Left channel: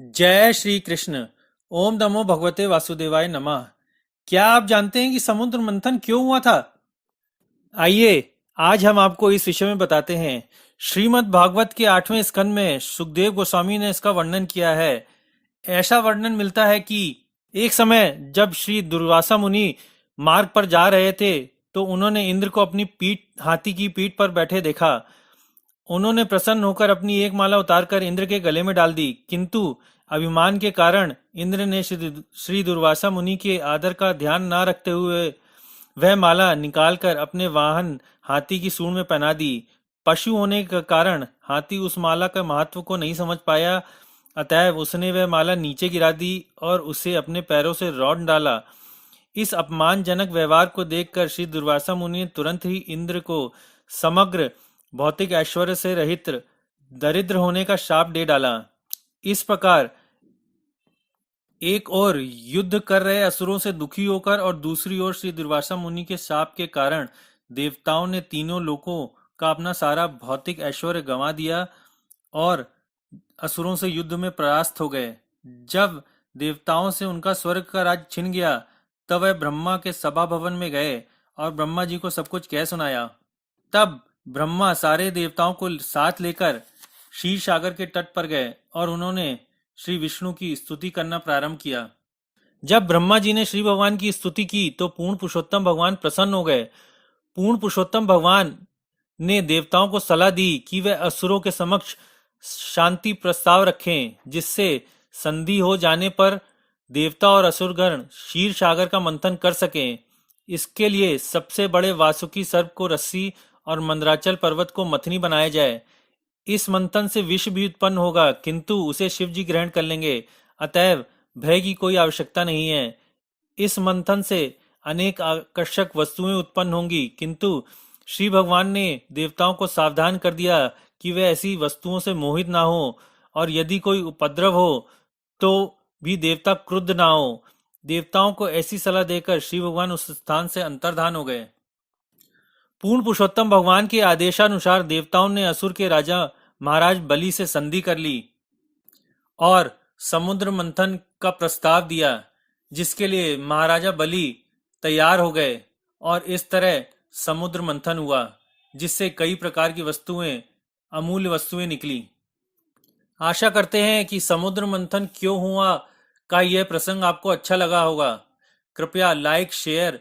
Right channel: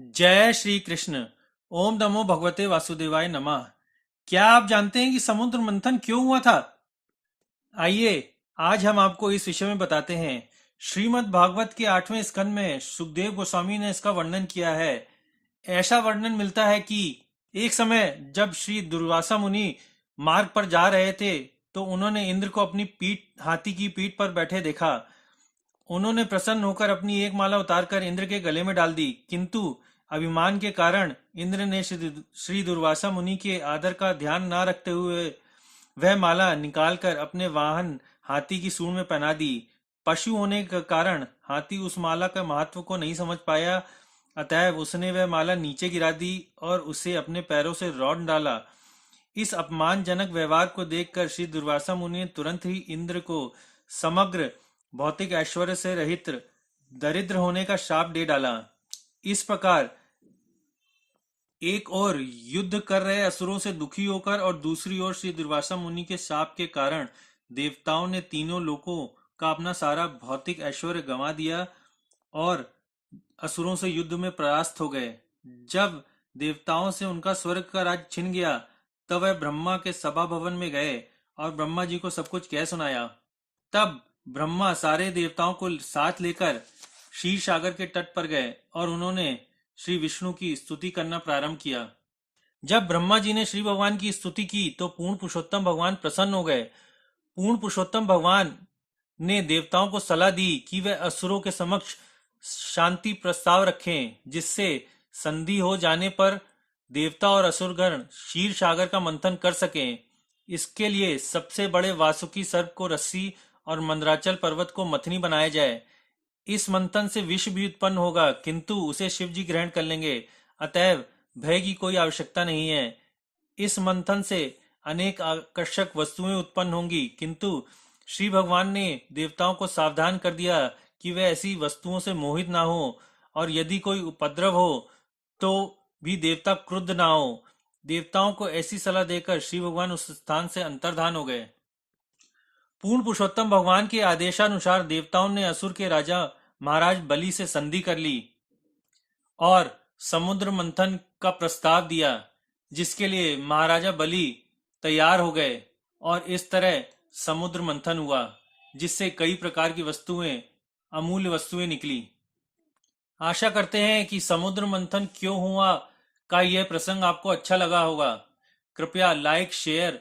जय श्री कृष्ण। ओम नमो भगवते वासुदेवाय नमः। क्या आप जानते हैं कि समुद्र मंथन क्यों हुआ था? आइए, आज हम आपको इस विषय में बताते हैं। श्रीमद् भागवत के 8वें स्कंद में सुखदेव गोस्वामी ने इसका वर्णन किया है। ऐसा वर्णन मिलता है कि एक समय जब श्री दुर्वासा मुनि मार्ग पर जा रहे थे, तो उन्होंने इंद्र को अपनी पीठ हाथी की पीठ पर बैठे देखा। उन्होंने प्रसन्न होकर अपनी एक माला उतारकर इंद्र के गले में डाल दी, किंतु अभिमान के कारण इंद्र ने श्री दुर्वासा मुनि के आदर का ध्यान न रखते हुए वह माला निकालकर अपने वाहन हाथी की सूंड में पहना दी। पशु होने के कारण हाथी उस माला का महत्व को नहीं समझ पाया, अतएव उसने वह माला नीचे गिरा दी और उसे अपने पैरों से रौंद डाला। इस अपमानजनक व्यवहार को देखकर श्री दुर्वासा मुनि ने तुरंत ही इंद्र को समग्र भौतिक ऐश्वर्य से रहित दरिद्र होने का शाप दे डाला। इस प्रकार एक ओर युद्ध कर रहे असुरों से दुखी होकर और दूसरी ओर श्री दुर्वासा मुनि के शाप के कारण देवताओं ने तीनों लोकों का अपना सारा भौतिक ऐश्वर्य गंवा दिया और असुरों से युद्ध में परास्त हो गए। जब देवताओं से उनका स्वर्ग का राज छिन गया, तब वह ब्रह्मा के सभा भवन में गए और ब्रह्मा जी को सब कुछ कह सुनाया। तब ब्रह्मा सारे देवताओं को साथ लेकर क्षीर सागर के तट पर गए और उन्होंने श्री विष्णु की स्तुति करना प्रारंभ किया। जब ब्रह्मा जी ने श्री भगवान की स्तुति की तो पूर्ण पुरुषोत्तम भगवान प्रसन्न हो गए। पूर्ण पुरुषोत्तम भगवान ने देवताओं को सलाह दी कि वे असुरों के समक्ष शांति प्रस्ताव रखें, जिससे संधि हो जाने पर देवता और असुरगण क्षीर सागर का मंथन कर सकें। इसके लिए सबसे बड़े वासुकी सर्प को रस्सी और मंदराचल पर्वत को मथनी बनाया जाए। इस मंथन से विष भी उत्पन्न होगा, किंतु उसे शिव जी ग्रहण कर लेंगे, अतएव भय की कोई आवश्यकता नहीं है। इस मंथन से अनेक आकर्षक वस्तुएं उत्पन्न होंगी, किंतु श्री भगवान ने देवताओं को सावधान कर दिया कि वे ऐसी वस्तुओं से मोहित ना हो, और यदि कोई उपद्रव हो तो भी देवता क्रुद्ध ना हो। देवताओं को ऐसी सलाह देकर श्री भगवान उस स्थान से अंतर्धान हो गए। पूर्ण पुरुषोत्तम भगवान के आदेशानुसार देवताओं ने असुर के राजा महाराज बलि से संधि कर ली और समुद्र मंथन का प्रस्ताव दिया, जिसके लिए महाराजा बलि तैयार हो गए और इस तरह समुद्र मंथन हुआ, जिससे कई प्रकार की वस्तुएं, अमूल्य वस्तुएं निकली। आशा करते हैं कि समुद्र मंथन क्यों हुआ का यह प्रसंग आपको अच्छा लगा होगा। कृपया लाइक, शेयर